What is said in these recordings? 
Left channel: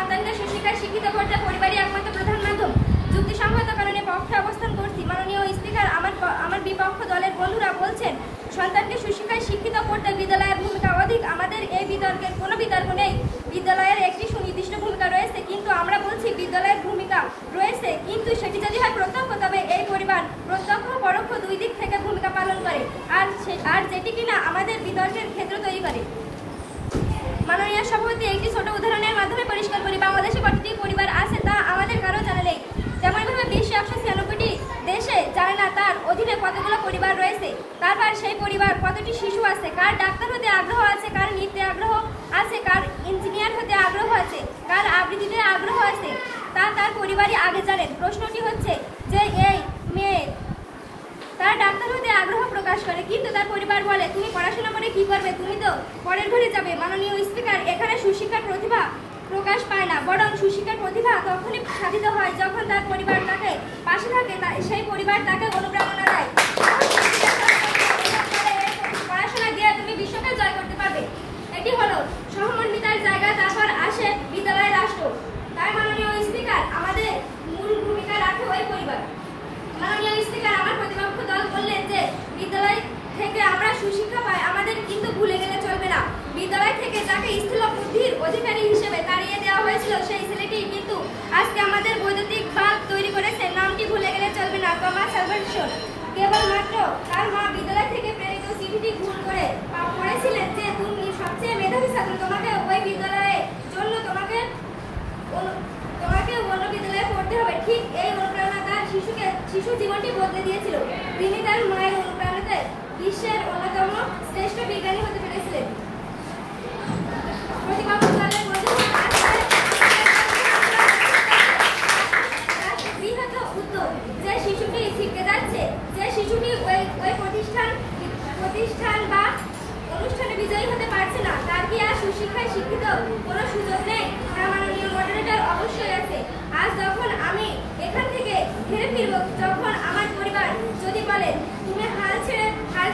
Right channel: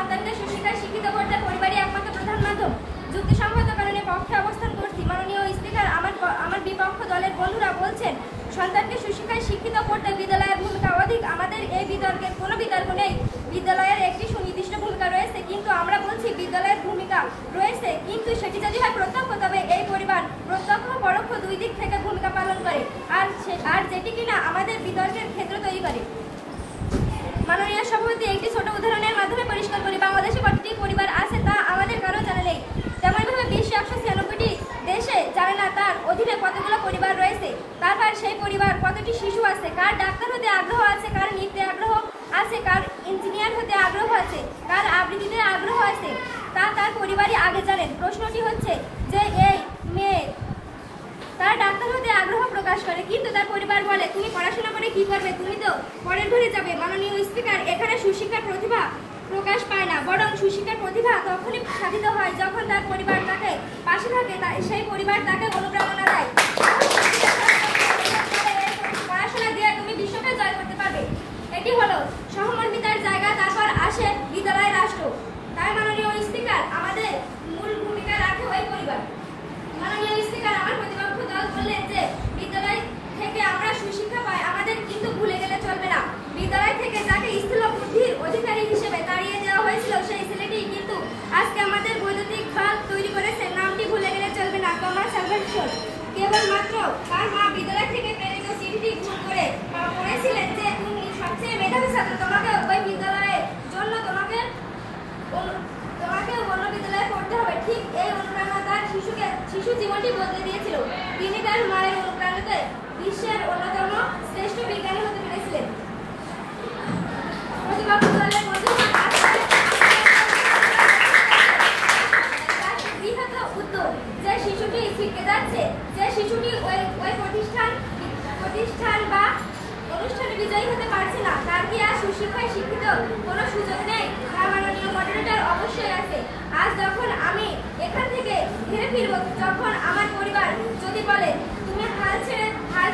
সন্তানকে সুশিক্ষায় শিক্ষিত করতে পরিবারই একমাত্র প্রধান মাধ্যম। যুক্তিসঙ্গত কারণে পক্ষে অবস্থান করছি। মাননীয় স্পিকার, আমার বিপক্ষ দলের বন্ধুরা বলছেন সন্তানকে সুশিক্ষায় শিক্ষিত করতে বিদ্যালয়ের ভূমিকা অধিক। আমাদের এই বিতর্কের কোনো বিতর্ক নেই। বিদ্যালয়ের একটি সুনির্দিষ্ট ভূমিকা রয়েছে, কিন্তু আমরা বলছি বিদ্যালয়ের ভূমিকা রয়েছে, কিন্তু সেটি যদি হয় প্রত্যক্ষ, তবে এই পরিবার প্রত্যক্ষ পরোক্ষ দুই দিক থেকে ভূমিকা পালন করে, আর যেটি কিনা আমাদের বিতর্কের ক্ষেত্র তৈরি করে। মাননীয় সভাপতি, একটি ছোট উদাহরণের মাধ্যমে পরিষ্কার করি, বাংলাদেশে কতটি পরিবার আছে তা আমাদের কারো জানা নেই। তেমনভাবে বিশ্বে 196টি দেশে জানে না তার অধীনে কতগুলো পরিবার রয়েছে। তারপর সেই পরিবার কতটি শিশু আছে, কার ডাক্তার হতে আগ্রহ আছে, কার নৃত্যে আগ্রহ আছে, কার ইঞ্জিনিয়ার হতে আগ্রহ আছে, কার আবৃত্তিতে আগ্রহ আছে, তা তার পরিবারই আগে জানেন। প্রশ্নটি হচ্ছে যে এই মেয়ে তার ডাক্তার হতে আগ্রহ প্রকাশ করে, কিন্তু তার পরিবার বলে তুমি পড়াশোনা করে কি করবে, তুমি তো পরের ঘরে যাবে। মাননীয় স্পিকার, এখানে সুশিক্ষার প্রতিভা প্রকাশ পায় না, বরং সুশিক্ষার প্রতিভা তখনই সাধিত হয় যখন তার পরিবার তাকে পাশে থাকে, সেই পরিবার তাকে অনুপ্রেরণা দেয়। পড়াশোনা দিয়ে তুমি বিশ্বকে জয় করতে পারবে, এটি হলো সহমর্মিতার জায়গা। তারপর আসে বিদ্যালয় রাষ্ট্র। তাই মাননীয় স্পিকার, আমাদের মূল ভূমিকা রাখে ওই পরিবার। মাননীয় স্পিকার, আমার প্রতিপক্ষ দল বললেন যে বিদ্যালয় থেকে আমরা সুশিক্ষা পাই, আমাদের কিন্তু ভুলে গেলে চলবে না। বিদ্যালয় থেকে যাকে স্থূল বুদ্ধির অধিকারী হিসেবে তাড়িয়ে দেওয়া হয়েছিল, সেই ছেলেটি কিন্তু আজকে আমাদের বৈদ্যুতিক বাল্ব তৈরি করেছে। নামটি ভুলে গেলে চলবে না, টমাস আলভা। কেবলমাত্র তার মা বিদ্যালয় থেকে প্রেরিত চিঠিটি গুণ করে পড়েছিলেন যে তুমি সবচেয়ে মেধাবী ছাত্র, তোমাকে ওই বিদ্যালয়ের জন্য তোমাকে অন্য বিদ্যালয়ে পড়তে হবে। ঠিক এই অনুপ্রেরণা তার শিশু জীবনটি বদলে দিয়েছিল। তিনি তার মায়ের অনুপ্রেরণাতে বিশ্বের অন্যতম শ্রেষ্ঠ বিজ্ঞানী হতে পেরেছিলেন। প্রতিপক্ষ দলের মধ্যে বৃহৎ উদ্যোগ, যে শিশুটি শিখতে যাচ্ছে, যে শিশুটি ওই প্রতিষ্ঠান বা অনুষ্ঠানে বিজয়ী হতে পারছে না, তার কি আর সুশিক্ষায় শিক্ষিত কোনো সুযোগ নেই? মাননীয় মডারেটর, অবশ্যই আছে। আজ যখন আমি এখান থেকে ঘিরে ফিরব, যখন আমার পরিবার যদি বলে তুমি হাল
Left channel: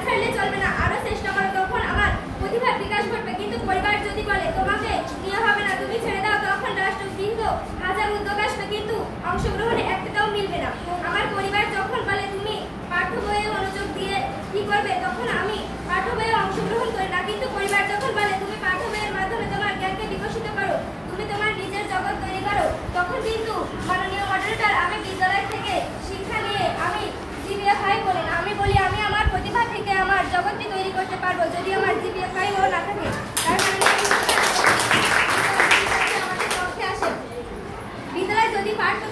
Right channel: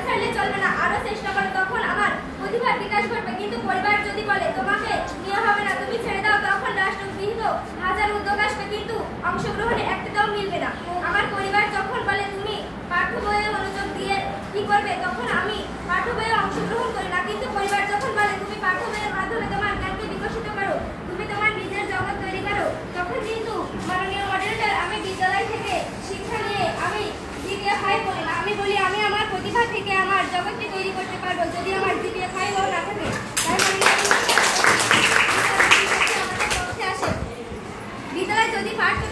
ছাড়লে চলবে না, আরো চেষ্টা করো, তখন আমার প্রতিভার বিকাশ ঘটবে। কিন্তু পরিবার যদি বলে তোমাকে নিয়ে হবে না, তুমি ছেড়ে দাও, তখন রাষ্ট্রগৃহীত হাজার উদ্যোগ আসবে, কিন্তু অংশগ্রহণে একটাও মিলবে না। আমার পরিবার যখন বলে তুমি পাঠ্য বইয়ে মনোযোগ দিয়ে কি করবে, তখন আমি পাঠ্য বইয়ে অংশগ্রহণ করি না। কিন্তু পরিবার যখন বলে তুমি পাঠ্য বইয়ের মাধ্যমে তোমার জ্ঞানকে বিকশিত করো, তুমি তোমার নিজের জগৎ তৈরি করো, তখন কিন্তু মাননীয় মডারেটর, আমি বিদ্যালয় থেকে শিক্ষা নিয়ে আমি জিপিএ 5 বলি না, আমি বলি আমি আমার প্রতিভা থেকে আমার জগৎটি তৈরি করতে পারবো, যদি আমার জিপিএ 5 না থাকে। বিদ্যালয় যদি পাঠ্য